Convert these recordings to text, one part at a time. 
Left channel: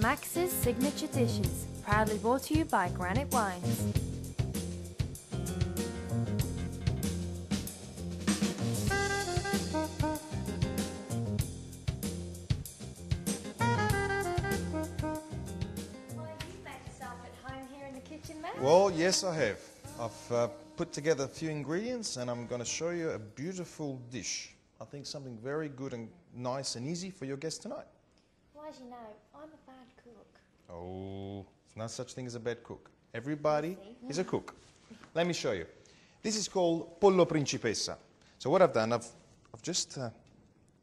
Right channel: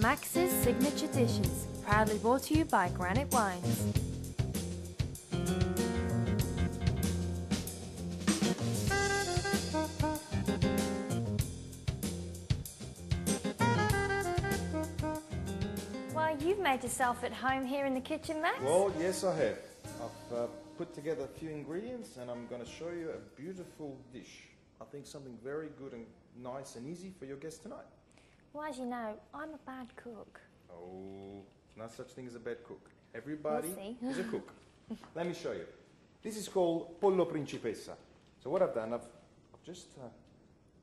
Max's Signature Dishes, proudly brought to you by Granite Wines. Well, you've made yourself at home here in the kitchen, Max. Well, yes I have. I've put together a few ingredients and I'm going to show you a beautiful dish. I think something very good and nice and easy for your guests tonight. Well, as you know, I'm a bad cook. Oh, there's no such thing as a bad cook. Everybody is a cook. Let me show you. This is called Pollo Principessa. So what I've done, I've just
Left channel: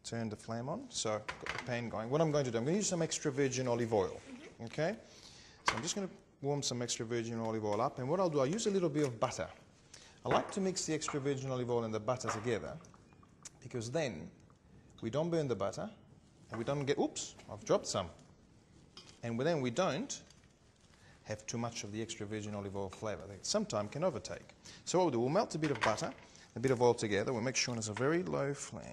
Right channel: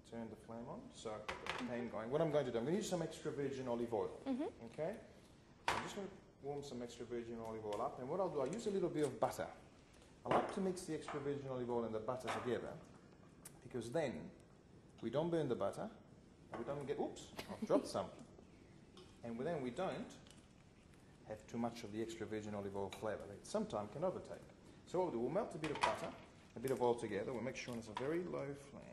turned the flame on. So I've got the pan going. What I'm going to do, I'm going to use some extra virgin olive oil. Okay? So I'm just going to warm some extra virgin olive oil up. And what I'll do, I'll use a little bit of butter. I like to mix the extra virgin olive oil and the butter together because then we don't burn the butter and we don't get, oops, I've dropped some. And then we don't have too much of the extra virgin olive oil flavour that sometimes can overtake. So what we'll do, we'll melt a bit of butter, a bit of oil together. We'll make sure it's a very low flame.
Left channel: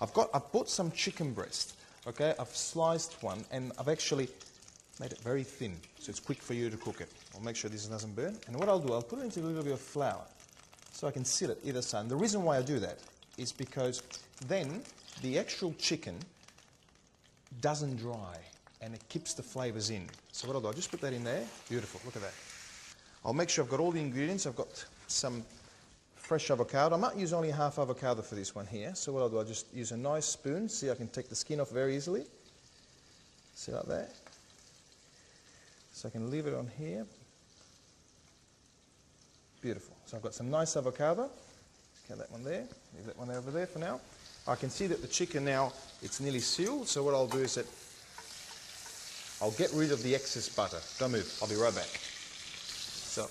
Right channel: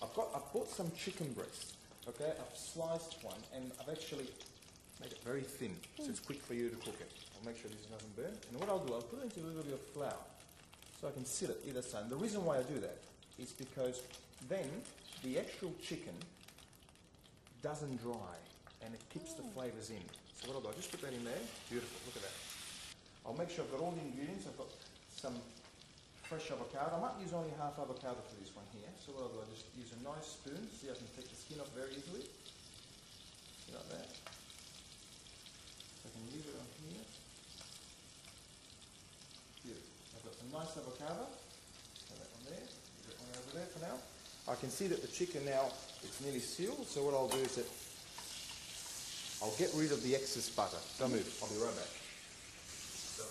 I've bought some chicken breast. Okay, I've sliced one and I've actually made it very thin, so it's quick for you to cook it. I'll make sure this doesn't burn. And what I'll do, I'll put it into a little bit of flour so I can sit it either side. And the reason why I do that is because then the actual chicken doesn't dry and it keeps the flavours in. So what I'll do, I'll just put that in there. Beautiful, look at that. I'll make sure I've got all the ingredients. I've got some fresh avocado. I might use only half avocado for this one here. So what I'll do, I'll just use a nice spoon. See, I can take the skin off very easily. See like that? So I can leave it on here. Beautiful. So I've got some nice avocado. Get that one there. Leave that one over there for now. I can see that the chicken now, it's nearly sealed. So what I'll do is that I'll get rid of the excess butter. Don't move. I'll be right back. So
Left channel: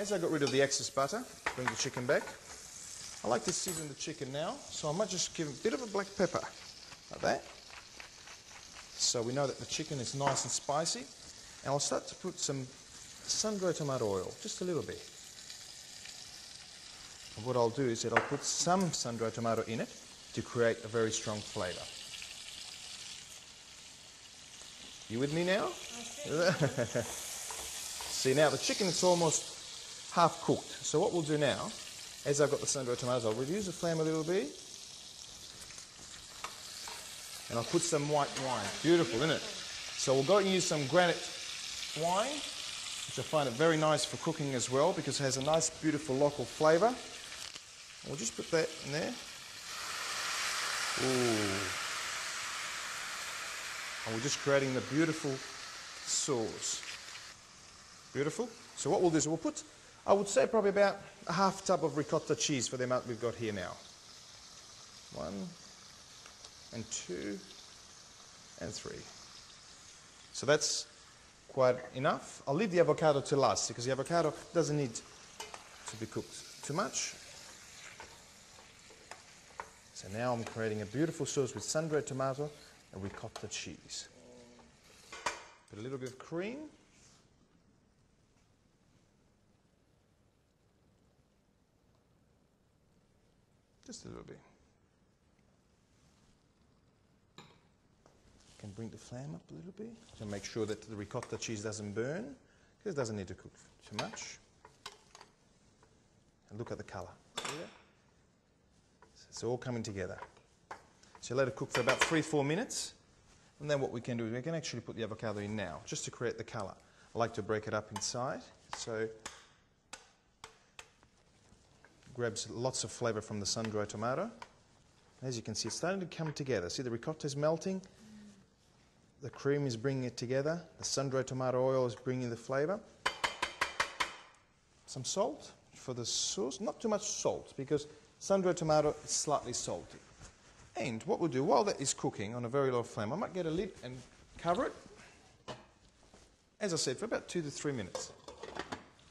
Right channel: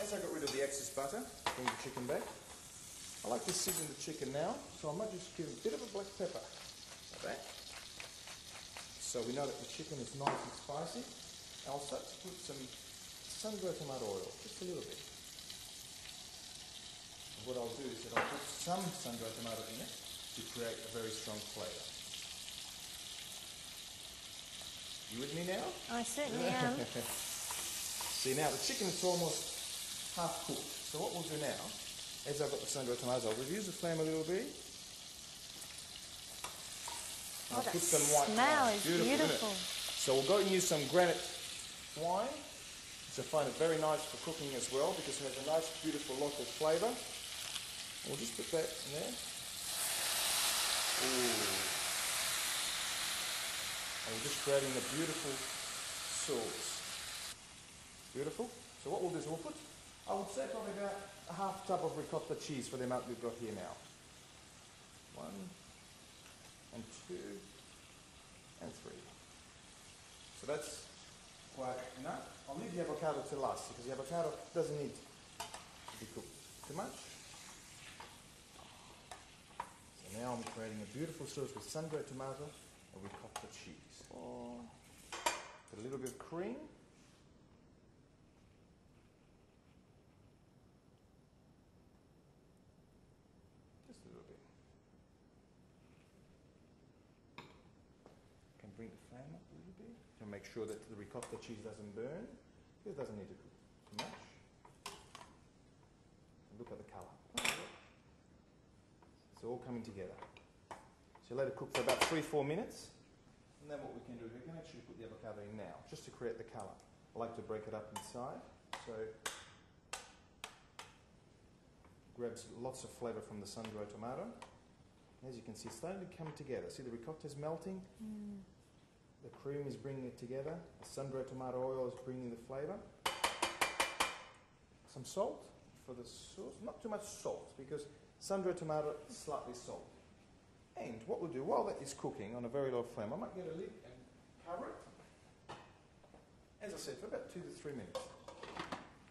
as I got rid of the excess butter, bring the chicken back. I like to season the chicken now. So I might just give a bit of a black pepper, like that. So we know that the chicken is nice and spicy. And I'll start to put some sun-dried tomato oil, just a little bit. And what I'll do is that I'll put some sun-dried tomato in it to create a very strong flavour. You with me now? I certainly am. See now the chicken is almost half cooked. So what we'll do now, as I've got the sun-dried tomatoes, I'll reduce the flame a little bit. And I'll put some white wine. Beautiful, isn't it? So we'll go and use some granite wine, which I find it very nice for cooking as well because it has a nice beautiful local flavour. We'll just put that in there. Ooh. And we're just creating the beautiful sauce. Beautiful. So what we'll do is we'll put, I would say probably about a half tub of ricotta cheese for the amount we've got here now. 1 and 2 and 3. So that's quite enough. I'll leave the avocado to last because the avocado doesn't need to be cooked too much. So now I'm creating a beautiful sauce with sun-dried tomato and ricotta cheese. Put a little bit of cream. Just a little bit. Can bring the flame up a little bit to make sure that the ricotta cheese doesn't burn because it doesn't need to cook too much. And look at the colour. It's all coming together. So let it cook for about 3-4 minutes and then what we can do is we can actually put the avocado in now just to create the colour. I like to break it up inside so grabs lots of flavour from the sun-dried tomato. As you can see, it's starting to come together. See the ricotta is melting. The cream is bringing it together. The sun-dried tomato oil is bringing the flavour. Some salt for the sauce. Not too much salt because sun-dried tomato is slightly salty. And what we'll do while that is cooking on a very low flame, I might get a lid and cover it. As I said, for about 2 to 3 minutes.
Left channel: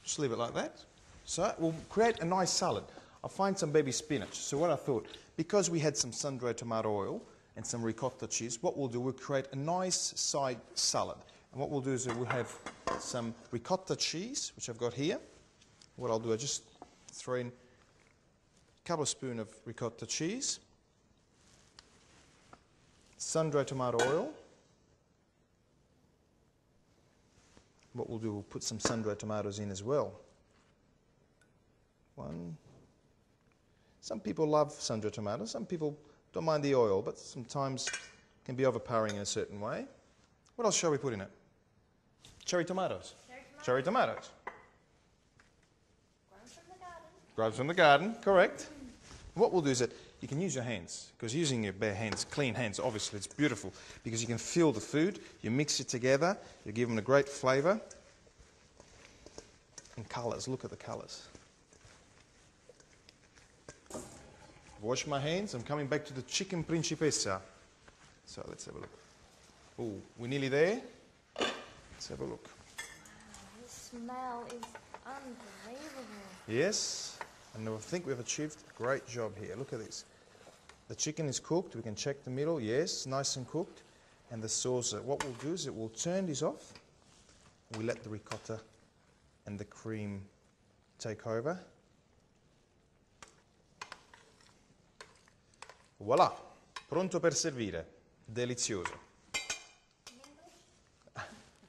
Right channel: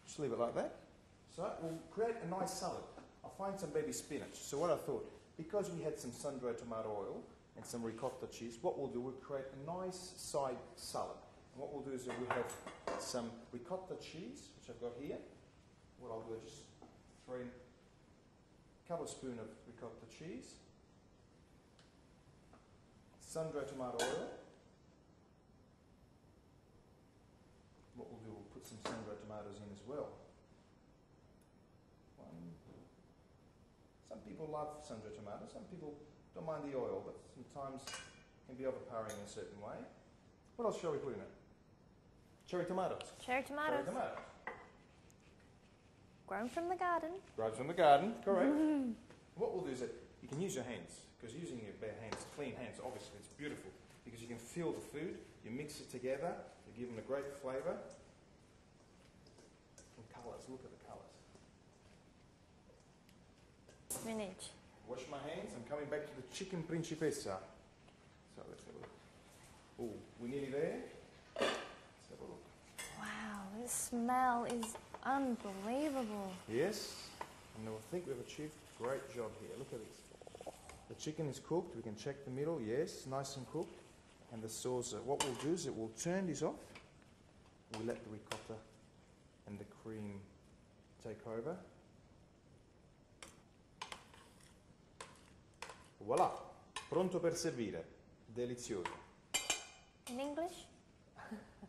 Just leave it like that. So we'll create a nice salad. I'll find some baby spinach. So what I thought, because we had some sun-dried tomato oil and some ricotta cheese, what we'll do, we'll create a nice side salad. And what we'll do is we'll have some ricotta cheese, which I've got here. What I'll do, I just throw in a couple of spoons of ricotta cheese, sun-dried tomato oil, we'll do, we'll put some sun-dried tomatoes in as well. One. Some people love sun-dried tomatoes. Some people don't mind the oil, but sometimes it can be overpowering in a certain way. What else shall we put in it? Cherry tomatoes. Cherry tomatoes. Cherry tomatoes. Grown from the garden. Grown from the garden, correct. What we'll do is that you can use your hands, because using your bare hands, clean hands, obviously it's beautiful, because you can feel the food, you mix it together, you give them a great flavour. And colours, look at the colours. Spinach. Wash my hands, I'm coming back to the chicken principessa. So let's have a look. Ooh, we're nearly there. Let's have a look. Wow, the smell is unbelievable. Yes, and I think we've achieved a great job here. Look at this. The chicken is cooked, we can check the middle, yes, nice and cooked. And the sauce, what we'll do is it will turn this off. We let the ricotta and the cream take over. Voila, pronto per servire. Delizioso. In English?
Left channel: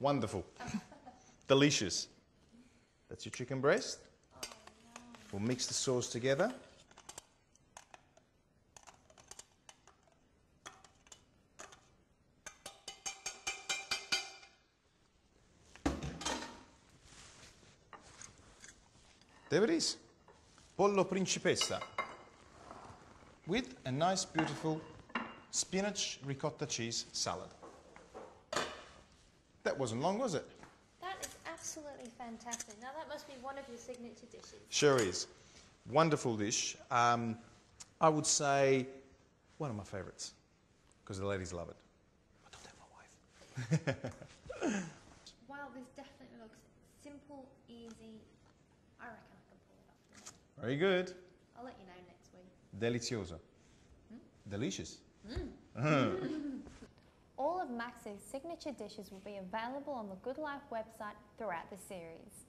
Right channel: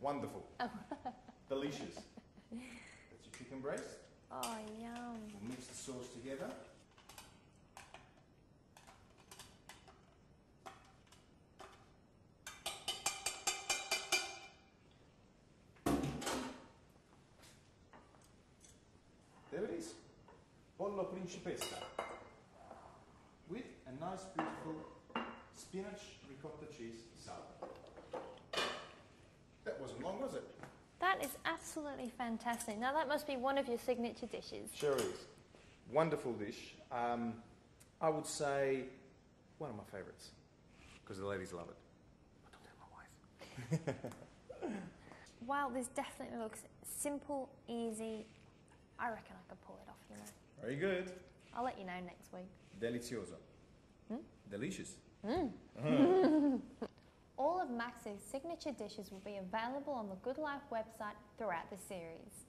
Wonderful. Delicious. That's your chicken breast. Oh, yum. We'll mix the sauce together. There it is. Pollo Principessa. With a nice, beautiful spinach ricotta cheese salad. That wasn't long, was it? That is absolutely fantastic. Now that must be one of your signature dishes. Sure is. Wonderful dish. I would say one of my favourites, because the ladies love it. But don't tell my wife. Wow, this definitely looks simple, easy. I reckon I can pull it off, you know. Very good. I'll let you know next week. Delicioso. Delicious. All of Max's signature dishes will be available on the Good Life website throughout the series.